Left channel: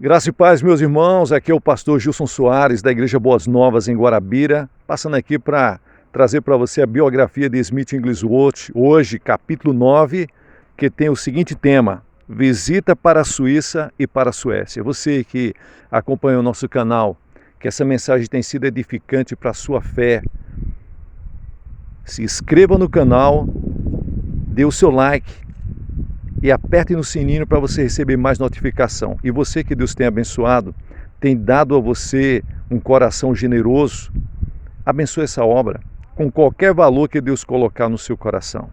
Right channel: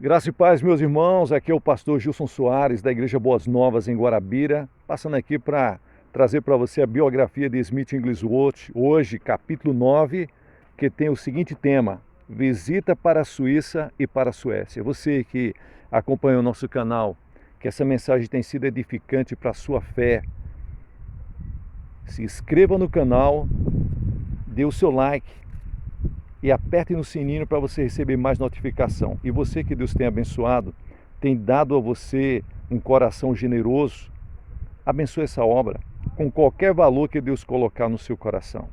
Graça e paz, meus irmãos. Aqui é o pastor Gilson Soares, da Igreja Boas Novas, em Guarabira, passando aqui para trazer para você a biografia de Smith Wigglesworth, hoje, capítulo 9, que tem o seguinte tema: visita para a Suíça e para a Suécia. Você que acompanha o nosso canal, que essa mensagem tem sido edificante para a sua fé, se inscreva no canal, dê o seu like e aperte no sininho para você receber mais notificação. E você que Deus tem abençoado, tem dado a você um coração generoso, abençoe essa obra com qualquer valor que Deus colocar no seu coração.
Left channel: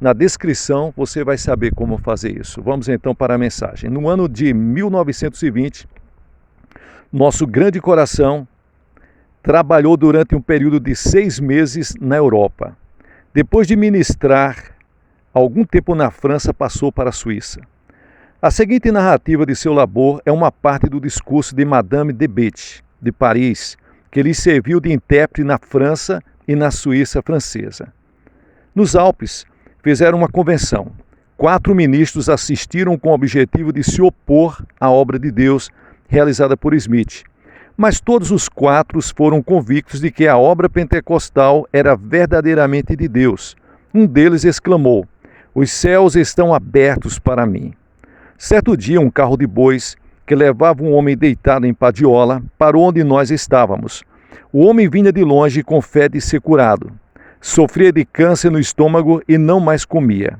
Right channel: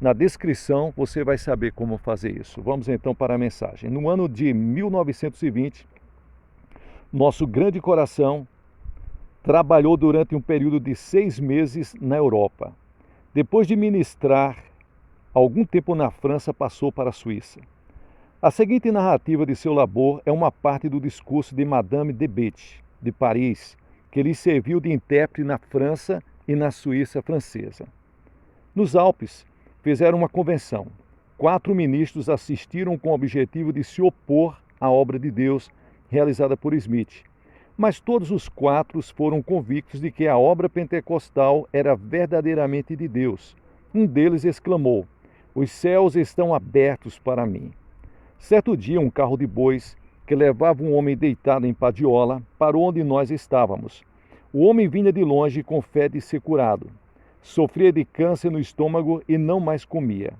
Na descrição você vai saber como fazer isso. Vamos então para a mensagem. No ano de 1920, nosso grande coração trabalhou durante um período de 6 meses na Europa. Depois de ministrar algum tempo na França, passou para a Suíça. A seguinte narrativa de seu labor é uma parte do discurso de Madame de Bethe, de Paris, que lhe serviu de intérprete na França e na Suíça francesa. Nos Alpes, fizeram uma convenção. 4 ministros assistiram com o objetivo de se opor à obra de Deus realizada por Smith. Mas todos os 4 foram convictos de que a obra pentecostal era verdadeiramente de Deus. Um deles exclamou: "Os céus estão abertos para mim." Certo dia, um carro de bois, que levava um homem deitado em padiola, parou onde nós estávamos. O homem vinha de longe com fé de ser curado. Sofria de câncer no estômago e não mais comia.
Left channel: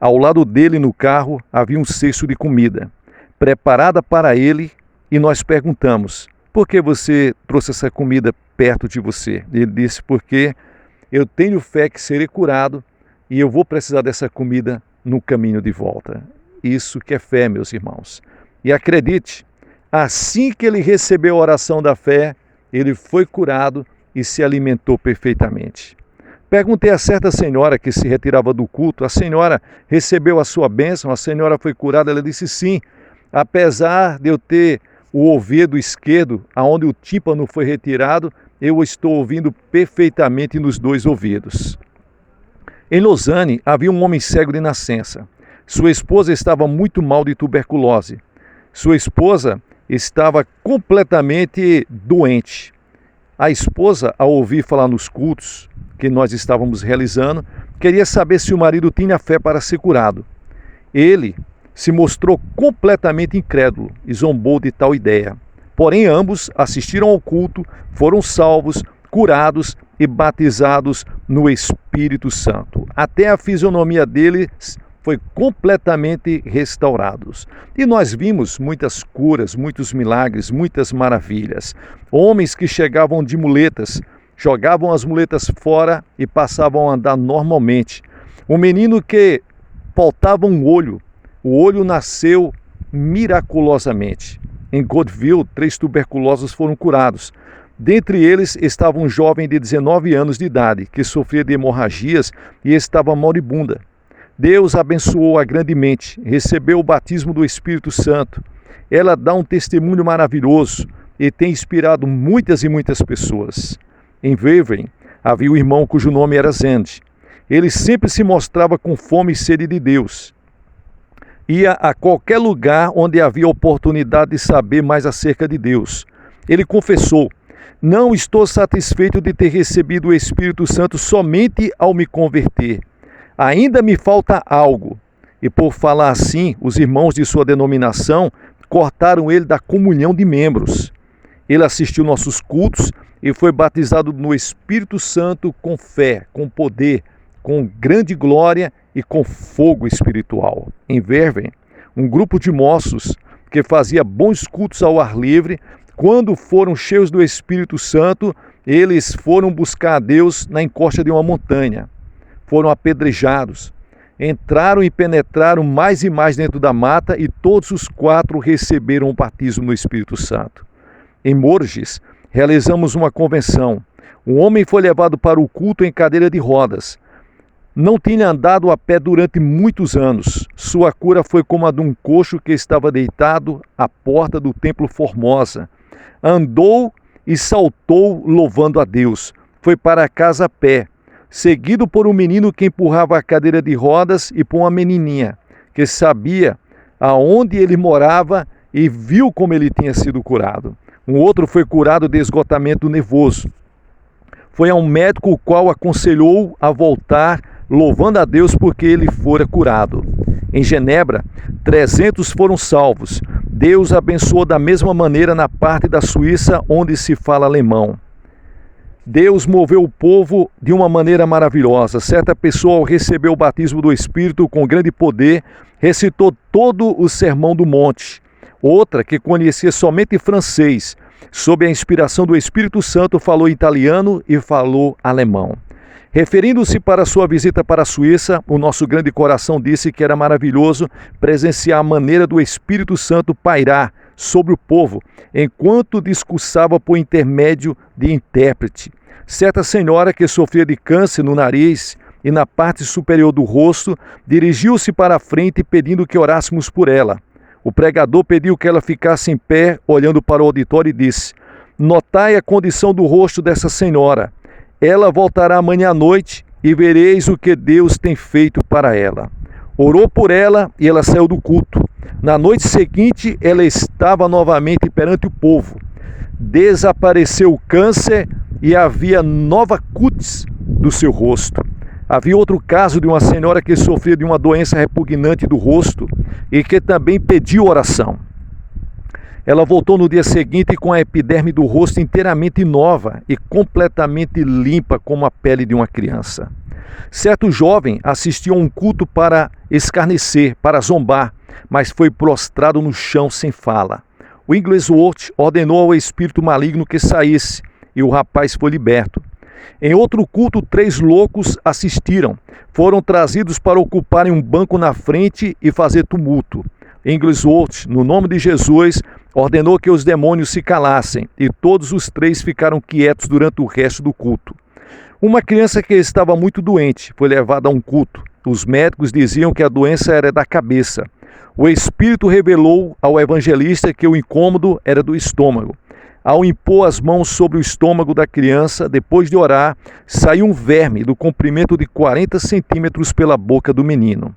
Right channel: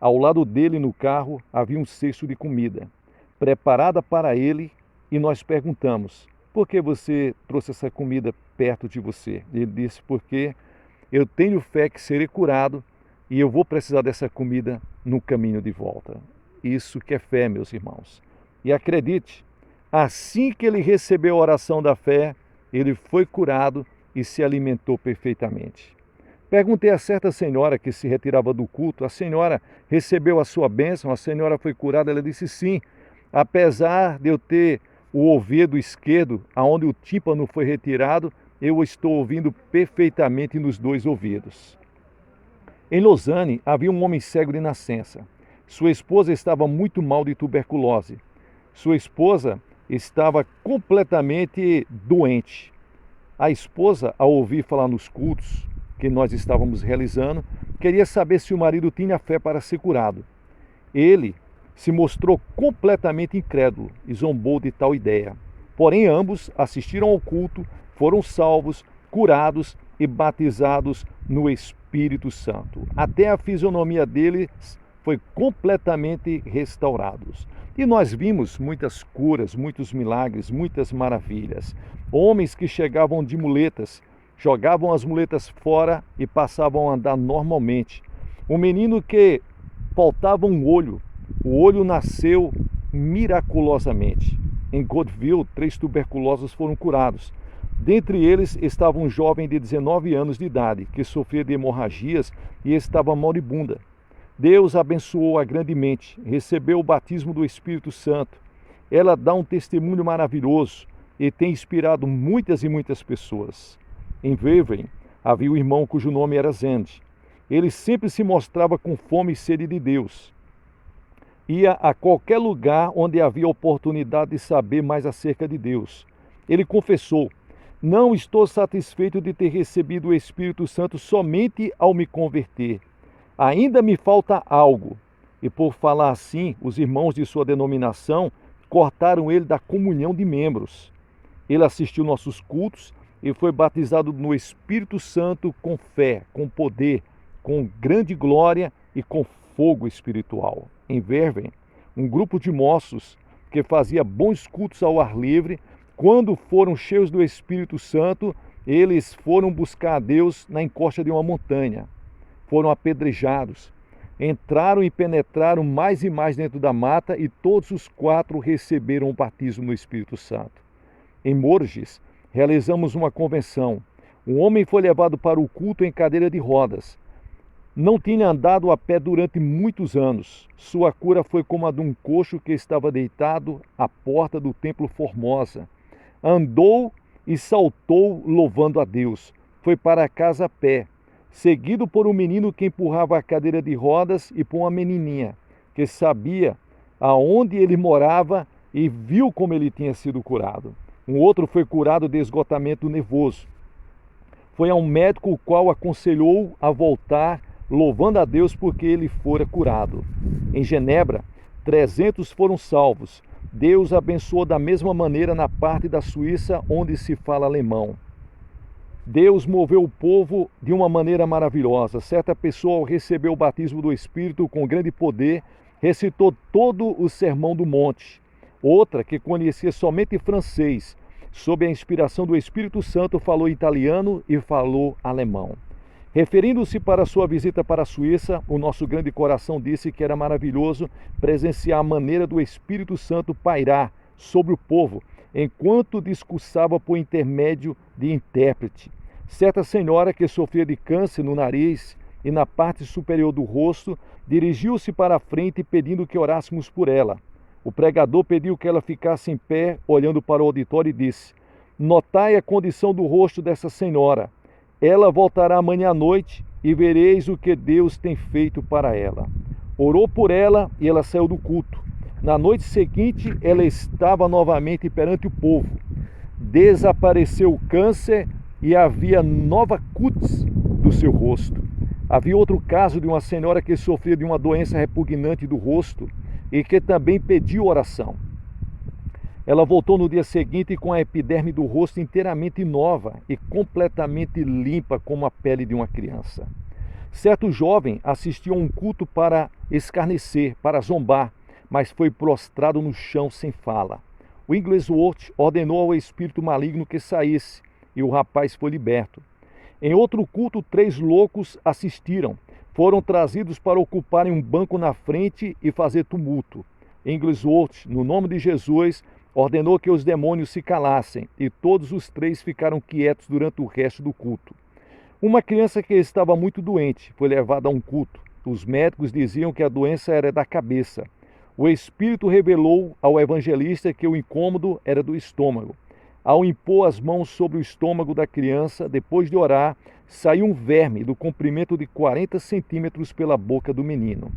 Ao lado dele, no carro, havia um cesto de comida, preparada para ele, e nós perguntamos: "Por que você trouxe essa comida perto de você?" Ele disse: "Porque eu tenho fé que serei curado, e eu vou precisar dessa comida no caminho de volta." Isso que é fé, meus irmãos. E acredite, assim que ele recebeu a oração da fé, ele foi curado e se alimentou perfeitamente. Perguntei a certa senhora que se retirava do culto: "A senhora recebeu a sua bênção? A senhora foi curada?" Ela disse: "Sim, apesar de eu ter o ouvido esquerdo, aonde o tímpano foi retirado, eu estou ouvindo perfeitamente nos 2 ouvidos." Em Lausanne, havia um homem cego de nascença. Sua esposa estava muito mal de tuberculose. Sua esposa estava completamente doente. A esposa, ao ouvir falar nos cultos que nós estávamos realizando, queria saber se o marido tinha fé para ser curado. Ele se mostrou completamente incrédulo e zombou de tal ideia. Porém, ambos assistiram ao culto, foram salvos, curados e batizados no Espírito Santo. Até a fisionomia deles foi completamente restaurados. E nós vimos muitas curas, muitos milagres, muitas maravilhas. Homens que chegavam de muletas, jogavam as muletas fora e passavam a andar normalmente. Um menino que faltava um olho, o olho nasceu miraculosamente. Em Godville, 3 tuberculosos foram curados. Dentre eles estava um jovem de 19 anos de idade, que sofria de hemorragias e estava moribunda. Deus abençoou-a grandemente, recebeu o batismo do Espírito Santo. Ela dá um testemunho maravilhoso e tem inspirado muitas e muitas pessoas. Em Wavering, havia um irmão cujo nome era Zend. Ele sempre se mostrava com fome e sede de Deus. Ia a qualquer lugar onde havia oportunidade de saber mais acerca de Deus. Ele confessou: "Não estou satisfeito de ter recebido o Espírito Santo somente ao me converter. Ainda me falta algo." E por falar assim, os irmãos de sua denominação cortaram ele da comunhão de membros. Ele assistiu nossos cultos e foi batizado no Espírito Santo com fé, com poder, com grande glória e com fogo espiritual. Em Verven, um grupo de moços que fazia bons cultos ao ar livre, quando foram cheios do Espírito Santo, eles foram buscar a Deus na encosta de uma montanha. Foram apedrejados. Entraram e penetraram mais e mais dentro da mata, e todos os 4 receberam o batismo no Espírito Santo. Em Morges, realizamos uma convenção. Um homem foi levado para o culto em cadeira de rodas. Não tinha andado a pé durante muitos anos. Sua cura foi como a de um coxo que estava deitado à porta do templo Formosa. Andou e saltou louvando a Deus. Foi para casa a pé, seguido por um menino que empurrava a cadeira de rodas e por uma menininha, que sabia aonde ele morava e viu como ele tinha sido curado. Um outro foi curado de esgotamento nervoso. Foi a um médico o qual aconselhou a voltar, louvando a Deus porque ele fora curado. Em Genebra, 300 foram salvos. Deus abençoou da mesma maneira na parte da Suíça onde se fala alemão. Deus moveu o povo de uma maneira maravilhosa. Certa pessoa, ao receber o batismo do Espírito com grande poder, recitou todo o Sermão do Monte. Outra, que conhecia somente francês, sob a inspiração do Espírito Santo, falou italiano e falou alemão. Referindo-se para sua visita para a Suíça, o nosso grande coração disse que era maravilhoso presenciar a maneira do Espírito Santo pairar sobre o povo, enquanto discursava por intermédio de intérprete. Certa senhora que sofria de câncer no nariz e na parte superior do rosto, dirigiu-se para a frente pedindo que orássemos por ela. O pregador pediu que ela ficasse em pé, olhando para o auditório e disse: "Notai a condição do rosto dessa senhora. Ela voltará amanhã à noite e vereis o que Deus tem feito para ela." Orou por ela e ela saiu do culto. Na noite seguinte, ela estava novamente perante o povo. Desapareceu o câncer e havia nova cútis do seu rosto. Havia outro caso de uma senhora que sofria de uma doença repugnante do rosto e que também pediu oração. Ela voltou no dia seguinte com a epiderme do rosto inteiramente nova e completamente limpa como a pele de uma criança. Certo jovem assistiu a um culto para escarnecer, para zombar, mas foi prostrado no chão sem fala. O Wigglesworth ordenou ao espírito maligno que saísse e o rapaz foi liberto. Em outro culto, 3 loucos assistiram. Foram trazidos para ocuparem um banco na frente e fazer tumulto. Wigglesworth, no nome de Jesus, ordenou que os demônios se calassem e todos os 3 ficaram quietos durante o resto do culto. Uma criança que estava muito doente foi levada a um culto. Os médicos diziam que a doença era da cabeça. O Espírito revelou ao evangelista que o incômodo era do estômago. Ao impor as mãos sobre o estômago da criança, depois de orar, saiu um verme do comprimento de 40 centímetros pela boca do menino.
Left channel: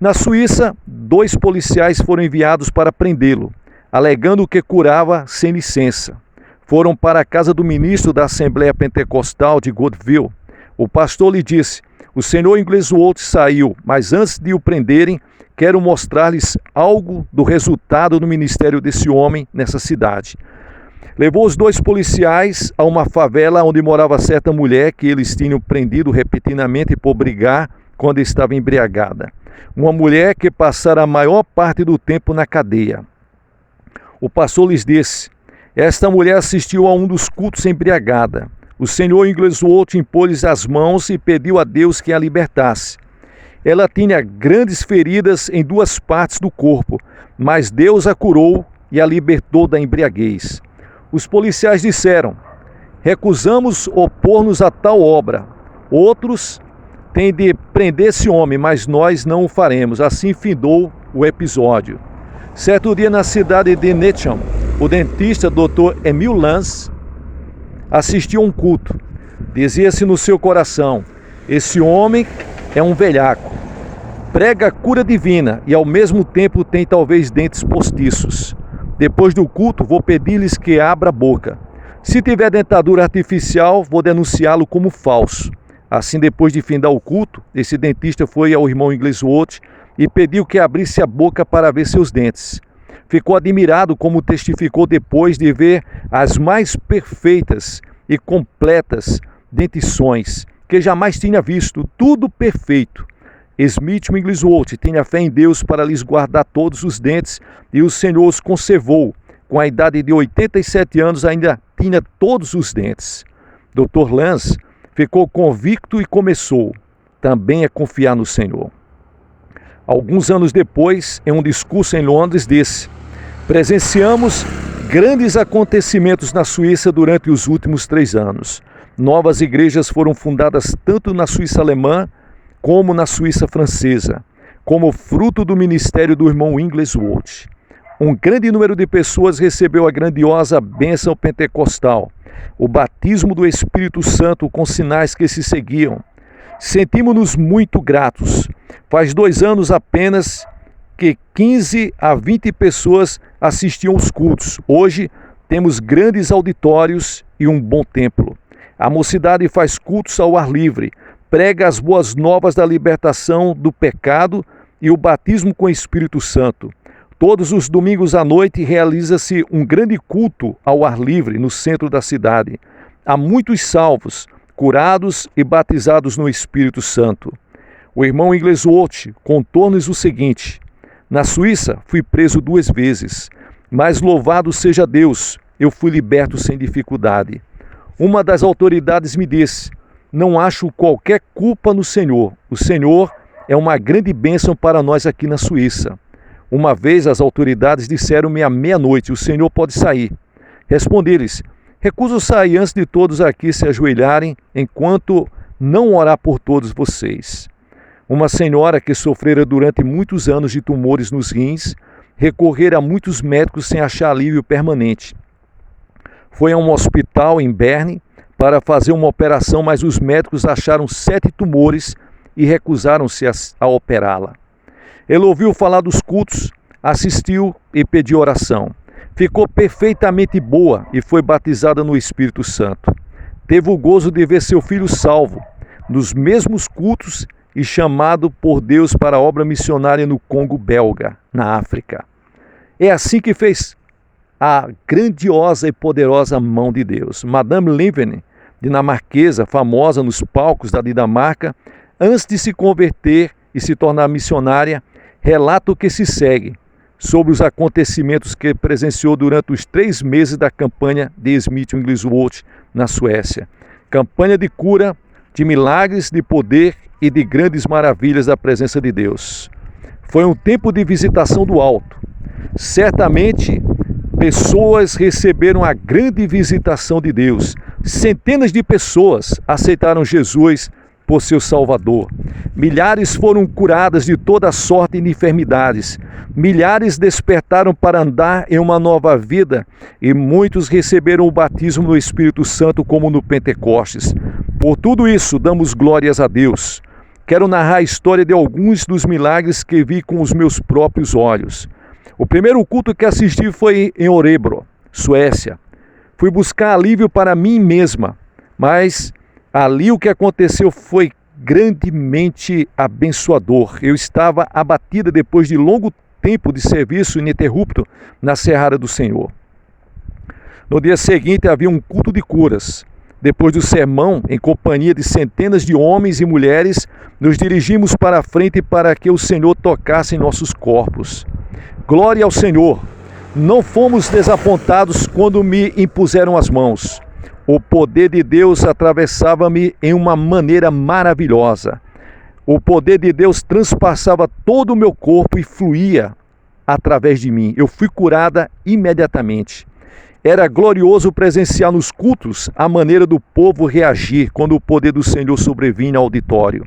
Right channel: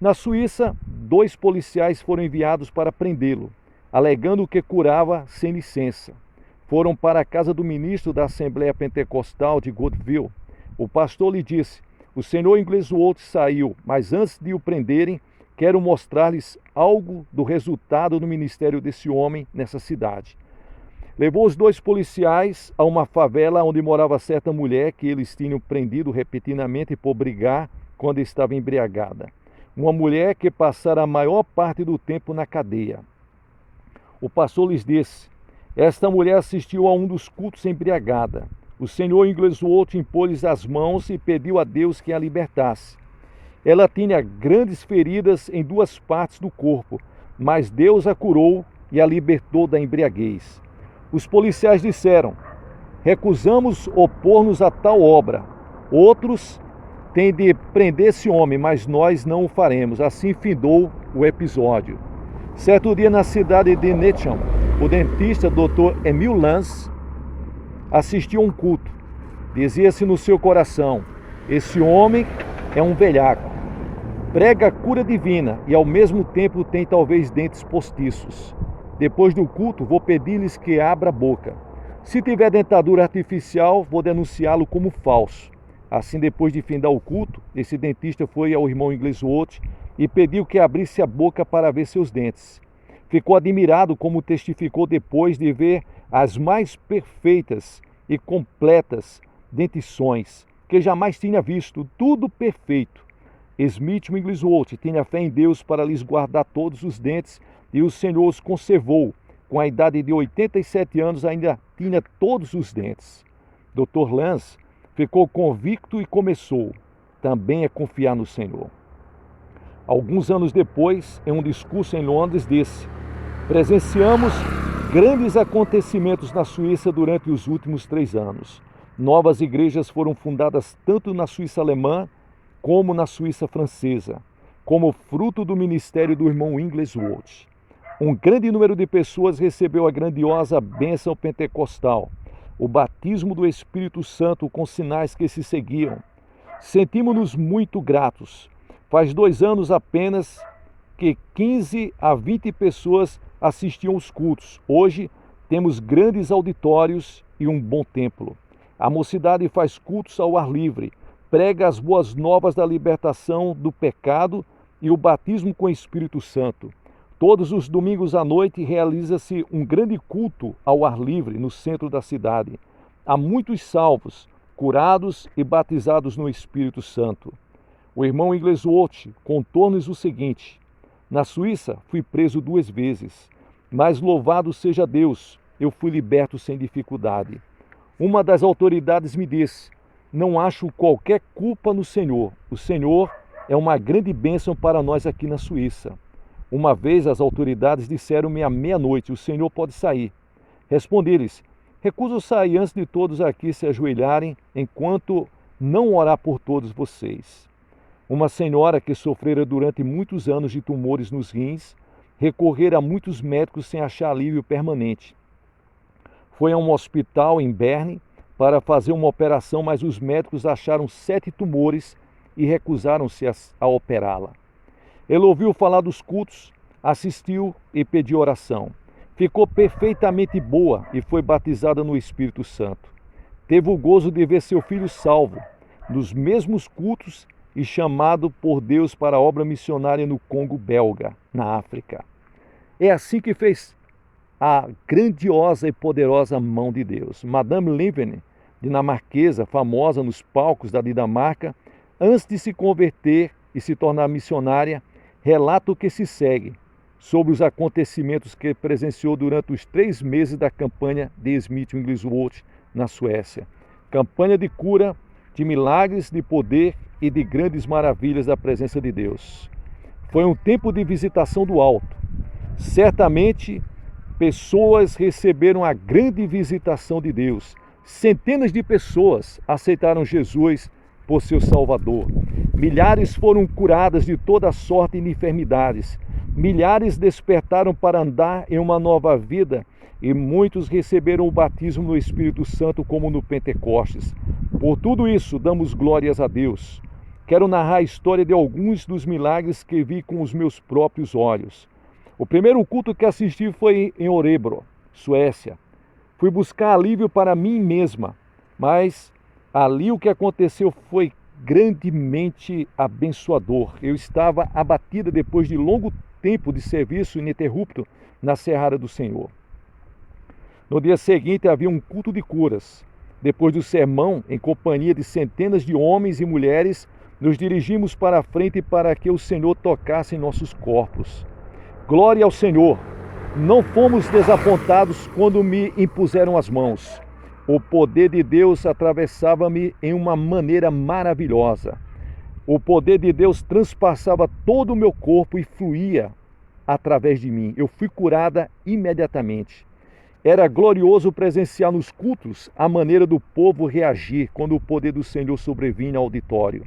Na Suíça, 2 policiais foram enviados para prendê-lo, alegando que curava sem licença. Foram para a casa do ministro da Assembleia Pentecostal de Godville. O pastor lhe disse: "O senhor Wigglesworth saiu, mas antes de o prenderem, quero mostrar-lhes algo do resultado do ministério desse homem nessa cidade." Levou os 2 policiais a uma favela onde morava certa mulher que eles tinham prendido repetidamente por brigar quando estava embriagada. Uma mulher que passara a maior parte do tempo na cadeia. O pastor lhes disse: "Esta mulher assistiu a um dos cultos embriagada. O senhor Wigglesworth impôs-lhes as mãos e pediu a Deus que a libertasse. Ela tinha grandes feridas em 2 partes do corpo, mas Deus a curou e a libertou da embriaguez." Os policiais disseram: "Recusamos opor-nos a tal obra. Outros têm de prender esse homem, mas nós não o faremos." Assim findou o episódio. Certo dia, na cidade de Netcham, o dentista Dr. Emil Lanz assistiu a um culto. Dizia-se no seu coração: "Esse homem é um velhaco. Prega a cura divina e ao mesmo tempo tem talvez dentes postiços. Depois do culto, vou pedir-lhes que abra a boca. Se tiver dentadura artificial, vou denunciá-lo como falso." Assim, depois de findar o culto, esse dentista foi ao irmão Wigglesworth e pediu que abrisse a boca para ver seus dentes. Ficou admirado, como testificou depois, de ver as mais perfeitas e completas dentições que jamais tinha visto, tudo perfeito. Smith Wigglesworth tinha fé em Deus para lhes guardar todos os dentes e o Senhor os conservou. Com a idade de 87 anos ainda tinha todos os dentes. Dr. Lanz ficou convicto e começou também a confiar no Senhor. Alguns anos depois, em um discurso em Londres, disse: "Presenciamos grandes acontecimentos na Suíça durante os últimos 3 anos. Novas igrejas foram fundadas tanto na Suíça alemã como na Suíça francesa, como fruto do ministério do irmão Wigglesworth. Um grande número de pessoas recebeu a grandiosa bênção pentecostal, o batismo do Espírito Santo com sinais que se seguiam. Sentimos-nos muito gratos. Faz 2 anos apenas que 15 a 20 pessoas assistiam os cultos. Hoje temos grandes auditórios e um bom templo. A mocidade faz cultos ao ar livre, prega as boas novas da libertação do pecado e o batismo com o Espírito Santo. Todos os domingos à noite realiza-se um grande culto ao ar livre no centro da cidade. Há muitos salvos, curados e batizados no Espírito Santo. O irmão Inglesworth contou-nos o seguinte: na Suíça fui preso 2 vezes, mas louvado seja Deus, eu fui liberto sem dificuldade. Uma das autoridades me disse: não acho qualquer culpa no Senhor. O Senhor é uma grande bênção para nós aqui na Suíça. Uma vez as autoridades disseram-me à meia-noite: o Senhor pode sair. Respondi-lhes: recuso sair antes de todos aqui se ajoelharem, enquanto não orar por todos vocês. Uma senhora que sofrera durante muitos anos de tumores nos rins, recorrera a muitos médicos sem achar alívio permanente. Foi a um hospital em Berne para fazer uma operação, mas os médicos acharam 7 tumores e recusaram-se a operá-la. Ele ouviu falar dos cultos, assistiu e pediu oração. Ficou perfeitamente boa e foi batizada no Espírito Santo. Teve o gozo de ver seu filho salvo, nos mesmos cultos, e chamado por Deus para a obra missionária no Congo belga, na África. É assim que fez a grandiosa e poderosa mão de Deus. Madame Leven, dinamarquesa, famosa nos palcos da Dinamarca, antes de se converter e se tornar missionária, relata o que se segue sobre os acontecimentos que presenciou durante os 3 meses da campanha de Smith Wigglesworth na Suécia. Campanha de cura, de milagres, de poder e de grandes maravilhas da presença de Deus. Foi um tempo de visitação do alto. Certamente, pessoas receberam a grande visitação de Deus. Centenas de pessoas aceitaram Jesus por seu Salvador. Milhares foram curadas de toda sorte de enfermidades. Milhares despertaram para andar em uma nova vida e muitos receberam o batismo no Espírito Santo como no Pentecostes. Por tudo isso, damos glórias a Deus. Quero narrar a história de alguns dos milagres que vi com os meus próprios olhos. O primeiro culto que assisti foi em Örebro, Suécia. Fui buscar alívio para mim mesma, mas ali o que aconteceu foi grandemente abençoador. Eu estava abatida depois de longo tempo de serviço ininterrupto na Seara do Senhor. No dia seguinte havia um culto de curas. Depois do sermão, em companhia de centenas de homens e mulheres, nos dirigimos para a frente para que o Senhor tocasse em nossos corpos. Glória ao Senhor! Não fomos desapontados quando me impuseram as mãos. O poder de Deus atravessava-me em uma maneira maravilhosa. O poder de Deus transpassava todo o meu corpo e fluía através de mim. Eu fui curada imediatamente. Era glorioso presenciar nos cultos a maneira do povo reagir quando o poder do Senhor sobrevinha ao auditório.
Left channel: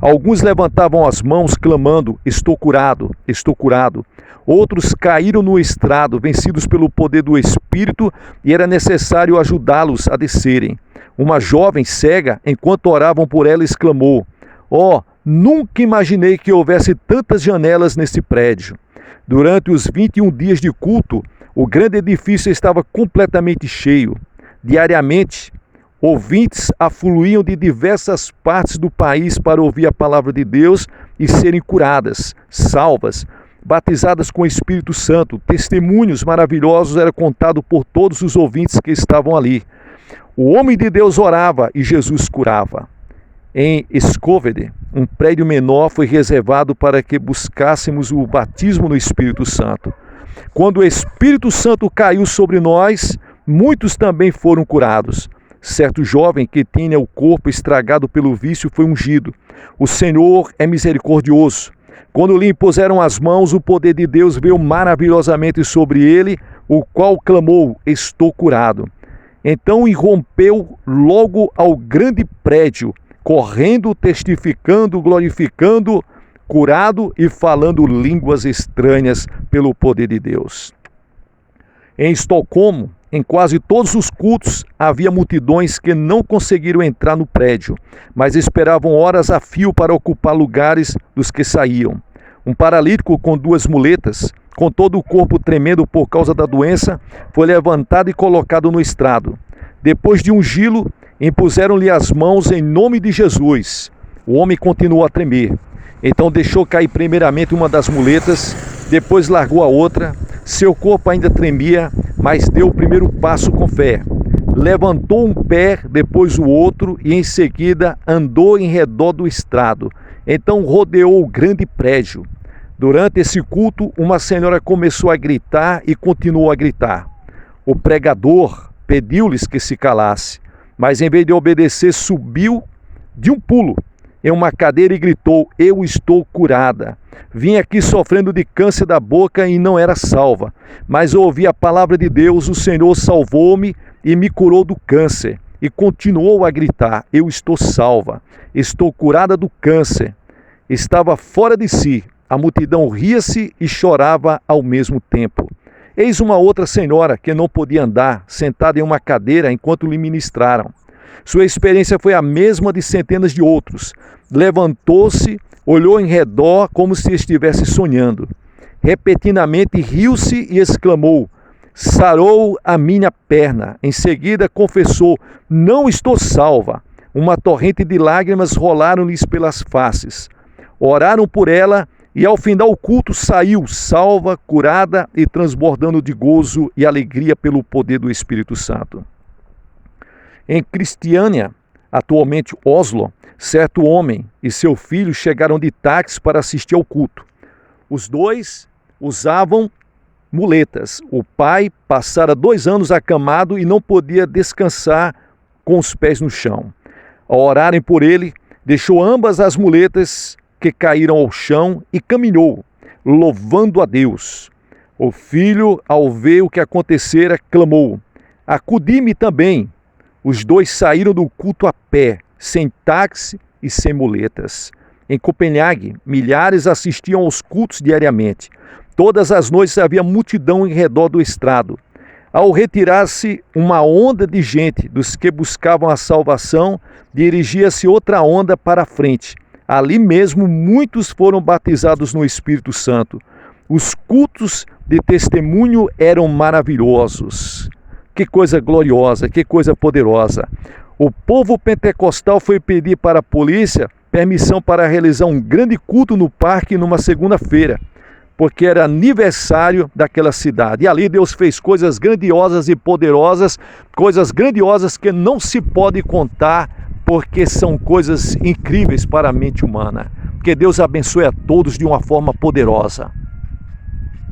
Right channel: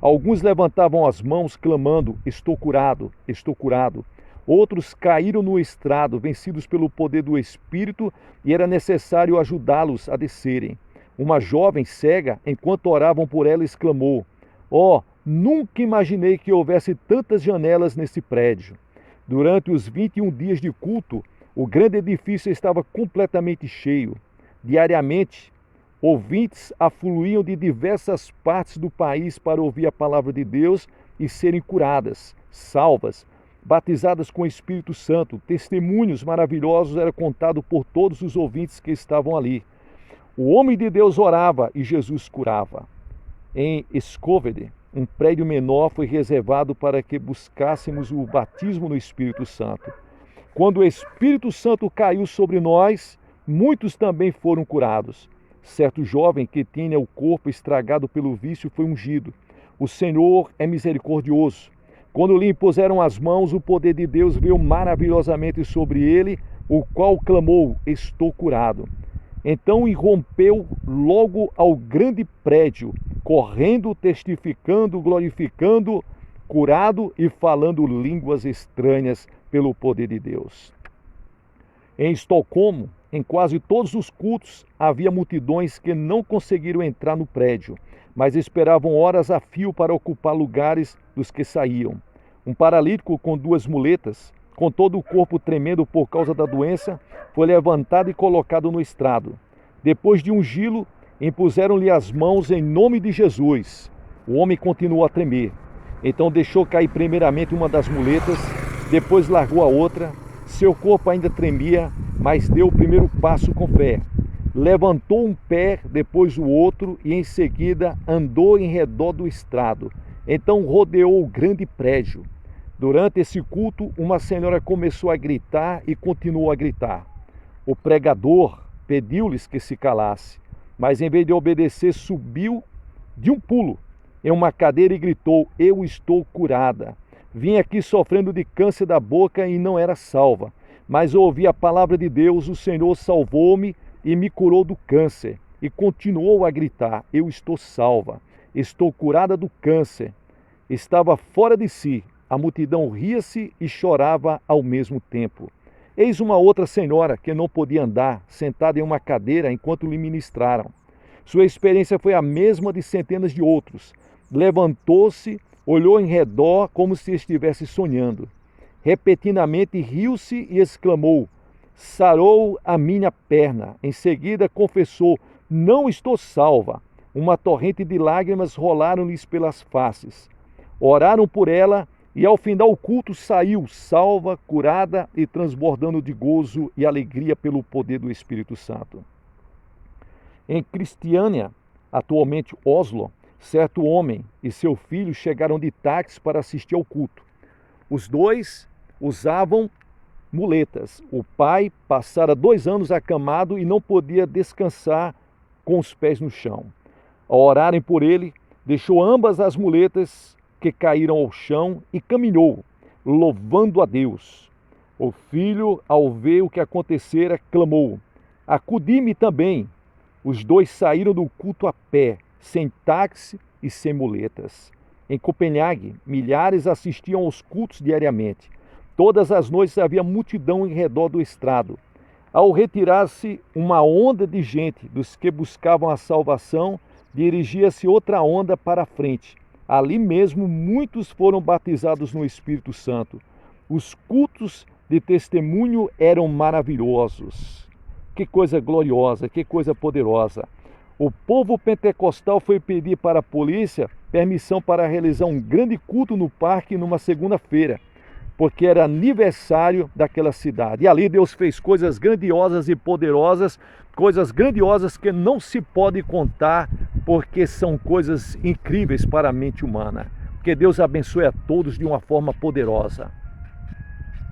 Alguns levantavam as mãos clamando: estou curado, estou curado. Outros caíram no estrado, vencidos pelo poder do Espírito, e era necessário ajudá-los a descerem. Uma jovem cega, enquanto oravam por ela, exclamou: "Oh, nunca imaginei que houvesse tantas janelas nesse prédio." Durante os 21 dias de culto, o grande edifício estava completamente cheio. Diariamente, ouvintes afluíam de diversas partes do país para ouvir a palavra de Deus e serem curadas, salvas, batizadas com o Espírito Santo. Testemunhos maravilhosos eram contados por todos os ouvintes que estavam ali. O homem de Deus orava e Jesus curava. Em Scovede, um prédio menor foi reservado para que buscássemos o batismo no Espírito Santo. Quando o Espírito Santo caiu sobre nós, muitos também foram curados. Certo jovem que tinha o corpo estragado pelo vício foi ungido. O Senhor é misericordioso. Quando lhe impuseram as mãos, o poder de Deus veio maravilhosamente sobre ele, o qual clamou: estou curado. Então irrompeu logo ao grande prédio, correndo, testificando, glorificando, curado e falando línguas estranhas pelo poder de Deus. Em Estocolmo, em quase todos os cultos, havia multidões que não conseguiram entrar no prédio, mas esperavam horas a fio para ocupar lugares dos que saíam. Um paralítico com 2 muletas, com todo o corpo tremendo por causa da doença, foi levantado e colocado no estrado. Depois de ungí-lo, impuseram-lhe as mãos em nome de Jesus. O homem continuou a tremer. Então deixou cair primeiramente uma das muletas, depois largou a outra. Seu corpo ainda tremia, mas deu o primeiro passo com fé. Levantou um pé, depois o outro, e em seguida andou em redor do estrado. Então rodeou o grande prédio. Durante esse culto, uma senhora começou a gritar e continuou a gritar. O pregador pediu-lhes que se calasse, mas em vez de obedecer, subiu de um pulo em uma cadeira e gritou: eu estou curada. Vim aqui sofrendo de câncer da boca e não era salva, mas ouvi a palavra de Deus, o Senhor salvou-me e me curou do câncer. E continuou a gritar: eu estou salva, estou curada do câncer. Estava fora de si, a multidão ria-se e chorava ao mesmo tempo. Eis uma outra senhora que não podia andar, sentada em uma cadeira enquanto lhe ministraram. Sua experiência foi a mesma de centenas de outros. Levantou-se, olhou em redor como se estivesse sonhando. Repentinamente riu-se e exclamou: sarou a minha perna. Em seguida confessou: não estou salva. Uma torrente de lágrimas rolaram-lhes pelas faces. Oraram por ela e ao final o culto saiu salva, curada e transbordando de gozo e alegria pelo poder do Espírito Santo. Em Cristiânia, atualmente Oslo, certo homem e seu filho chegaram de táxi para assistir ao culto. Os dois usavam muletas. O pai passara 2 anos acamado e não podia descansar com os pés no chão. Ao orarem por ele, deixou ambas as muletas que caíram ao chão e caminhou, louvando a Deus. O filho, ao ver o que acontecera, clamou: acudi-me também. Os dois saíram do culto a pé, sem táxi e sem muletas. Em Copenhague, milhares assistiam aos cultos diariamente. Todas as noites havia multidão em redor do estrado. Ao retirar-se uma onda de gente dos que buscavam a salvação, dirigia-se outra onda para a frente. Ali mesmo, muitos foram batizados no Espírito Santo. Os cultos de testemunho eram maravilhosos. Que coisa gloriosa, que coisa poderosa. O povo pentecostal foi pedir para a polícia permissão para realizar um grande culto no parque numa segunda-feira, porque era aniversário daquela cidade. E ali Deus fez coisas grandiosas e poderosas, coisas grandiosas que não se pode contar, porque são coisas incríveis para a mente humana. Que Deus abençoe a todos de uma forma poderosa.